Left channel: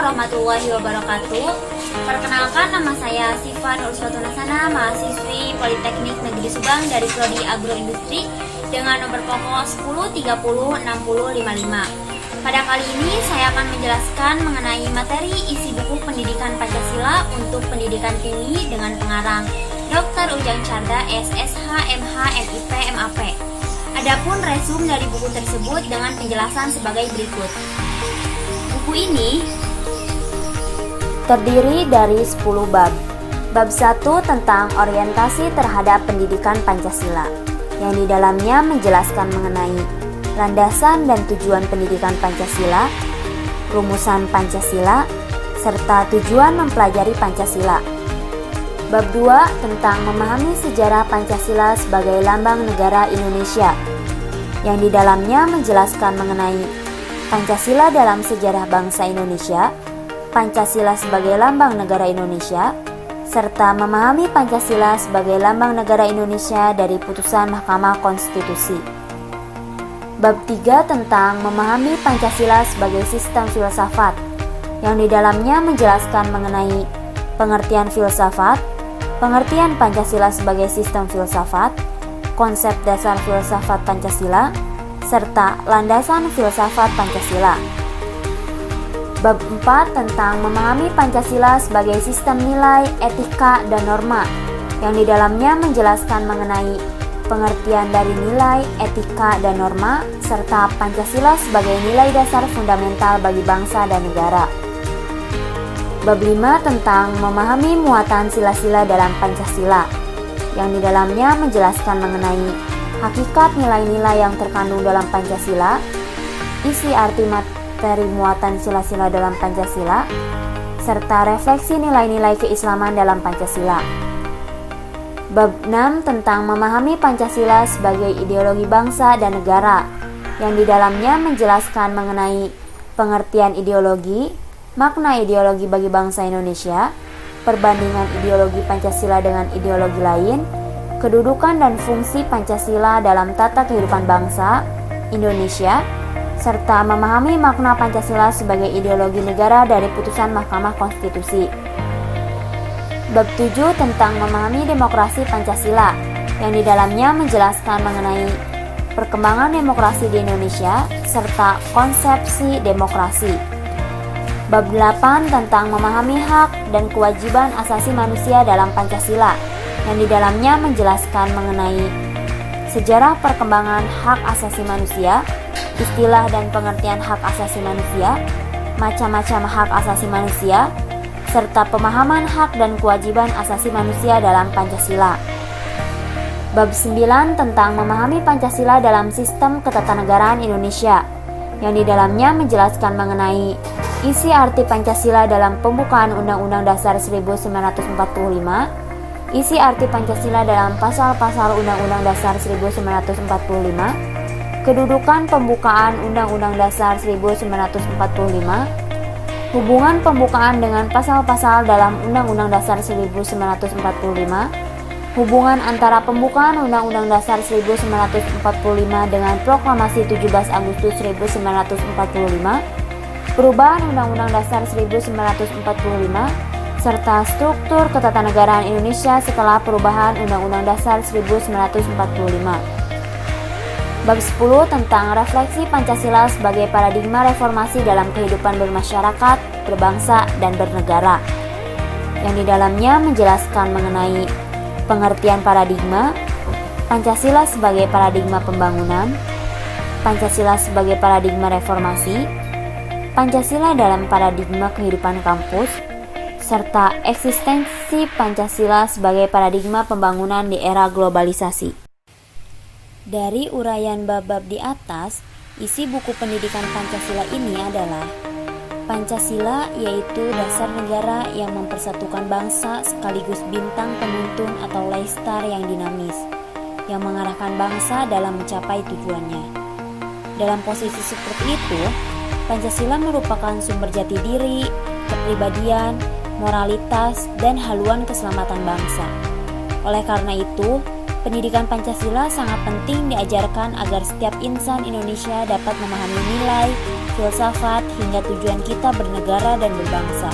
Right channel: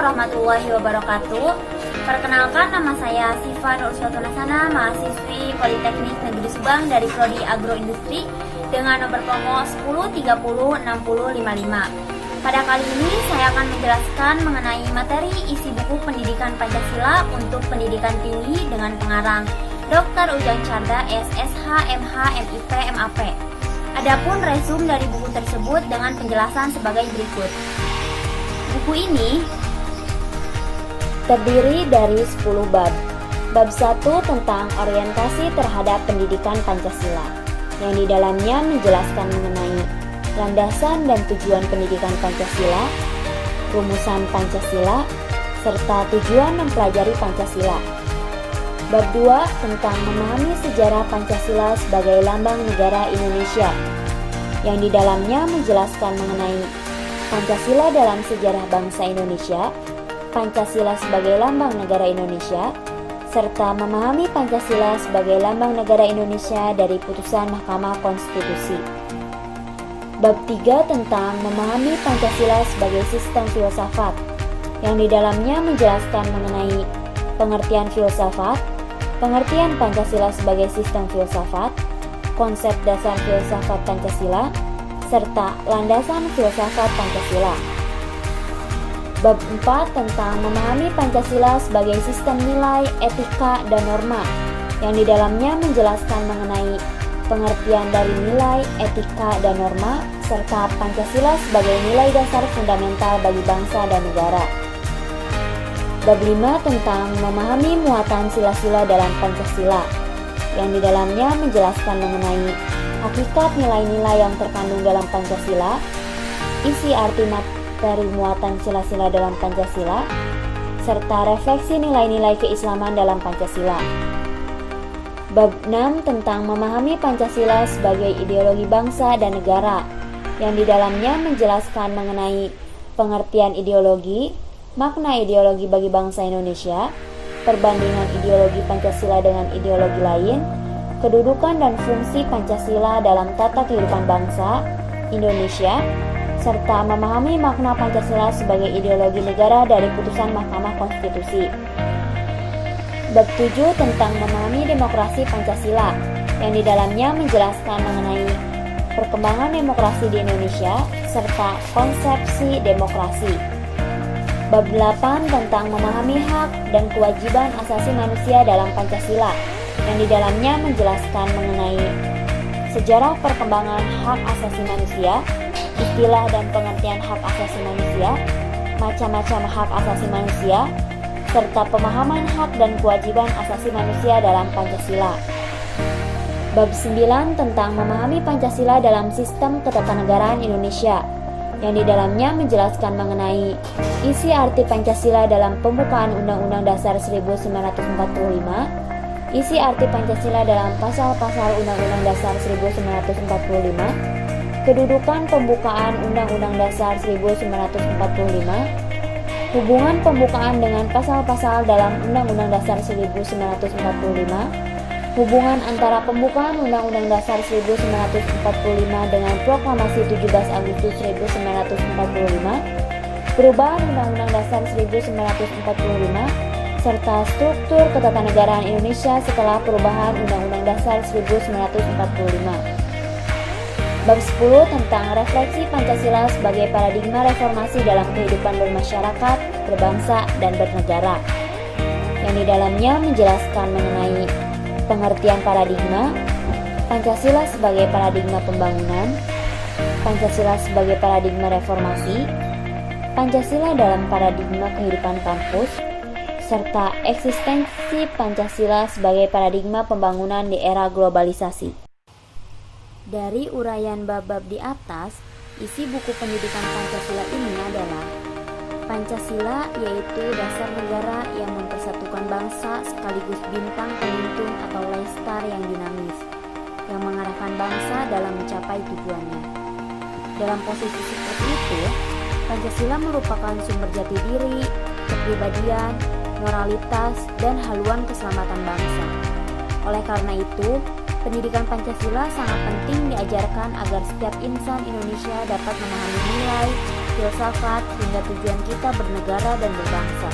warahmatullahi wabarakatuh. Perkenalkan, nama saya Siva Nuruswatunasana, mahasiswi Politeknik Negeri Subang dari Prodi Agroindustri dengan nomor pokok 10306055. Pada kali ini saya akan menjelaskan mengenai materi isi buku pendidikan Pancasila untuk pendidikan tinggi dengan pengarang Dr. Ujang Carda, SSH, MH, MIP, MAP. Adapun resum dari buku tersebut dengan penjelasan sebagai berikut. Buku ini terdiri dari 10 bab. Bab 1 tentang orientasi terhadap pendidikan Pancasila, yang di dalamnya menjelaskan mengenai landasan dan tujuan pendidikan Pancasila, rumusan Pancasila, serta tujuan mempelajari Pancasila. Bab 2 tentang memahami sejarah Pancasila sebagai lambang negara Indonesia, yang di dalamnya menjelaskan mengenai Pancasila dalam sejarah bangsa Indonesia, Pancasila sebagai lambang negara Indonesia, serta memahami Pancasila sebagai lambang negara Indonesia dari putusan Mahkamah Konstitusi. Bab 3 tentang memahami Pancasila sebagai sistem filsafat, yang di dalamnya menjelaskan mengenai pengertian filsafat, pengertian Pancasila sebagai sistem filsafat, konsep dasar filsafat Pancasila, serta landasan filsafat Pancasila. Bab 4 tentang memahami Pancasila sebagai sistem nilai, etika, dan norma, yang di dalamnya menjelaskan mengenai pengertian dari nilai, etika, dan norma, serta Pancasila sebagai nilai dasar fundamental bagi bangsa dan negara. Bab 5 tentang memahami muatan sila-sila dalam Pancasila, yang di dalamnya menjelaskan mengenai hakikat nilai-nilai yang terkandung dalam Pancasila, isi arti materi muatan sila-sila dalam Pancasila, serta refleksi nilai-nilai keislaman dalam Pancasila. Bab 6 tentang memahami Pancasila sebagai ideologi bangsa dan negara, yang di dalamnya menjelaskan mengenai pengertian ideologi, makna ideologi bagi bangsa Indonesia, perbandingan ideologi Pancasila dengan ideologi lain, kedudukan dan fungsi Pancasila dalam tata kehidupan bangsa Indonesia, serta memahami makna Pancasila sebagai ideologi negara dari putusan Mahkamah Konstitusi. Bab 7 tentang memahami demokrasi Pancasila, yang di dalamnya menjelaskan mengenai perkembangan demokrasi di Indonesia, serta konsepsi demokrasi. Bab 8 tentang memahami hak dan kewajiban asasi manusia dalam Pancasila, yang di dalamnya menjelaskan mengenai sejarah perkembangan hak asasi manusia, istilah dan pengertian hak asasi manusia, macam-macam hak asasi manusia, serta pemahaman hak dan kewajiban asasi manusia dalam Pancasila. Bab 9 tentang memahami Pancasila dalam sistem ketatanegaraan Indonesia, yang di dalamnya menjelaskan mengenai isi arti Pancasila dalam pembukaan Undang-Undang Dasar 1945, isi arti Pancasila dalam pasal-pasal Undang-Undang Dasar 1945, kedudukan pembukaan Undang-Undang Dasar 1945, hubungan pembukaan dengan pasal-pasal dalam Undang-Undang Dasar 1945, hubungan antara pembukaan Undang-Undang Dasar 1945 dengan Proklamasi 17 Agustus 1945, perubahan Undang-Undang Dasar 1945, serta struktur ketatanegaraan Indonesia setelah perubahan Undang-Undang Dasar 1945. Bab 10 tentang refleksi Pancasila sebagai paradigma reformasi dalam kehidupan bermasyarakat, berbangsa, dan bernegara, yang di dalamnya menjelaskan mengenai pengertian paradigma, Pancasila sebagai paradigma pembangunan, Pancasila sebagai paradigma reformasi, Pancasila dalam paradigma kehidupan kampus, serta eksistensi Pancasila sebagai paradigma pembangunan di era globalisasi. Dari uraian bab-bab di atas, isi buku pendidikan Pancasila ini adalah Pancasila yaitu dasar negara yang mempersatukan bangsa sekaligus bintang penuntun atau leistar yang dinamis, yang mengarahkan bangsa dalam mencapai tujuannya. Dalam posisi seperti itu, Pancasila merupakan sumber jati diri, kepribadian, moralitas, dan haluan keselamatan bangsa. Oleh karena itu, Pendidikan Pancasila sangat penting diajarkan agar setiap insan Indonesia dapat memahami nilai, filsafat, hingga tujuan kita bernegara dan berbangsa.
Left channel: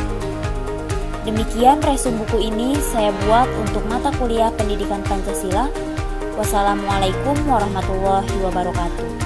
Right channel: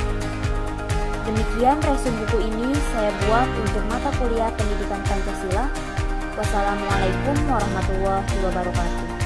Demikian resum buku ini saya buat untuk mata kuliah Pendidikan Pancasila. Wassalamualaikum warahmatullahi wabarakatuh.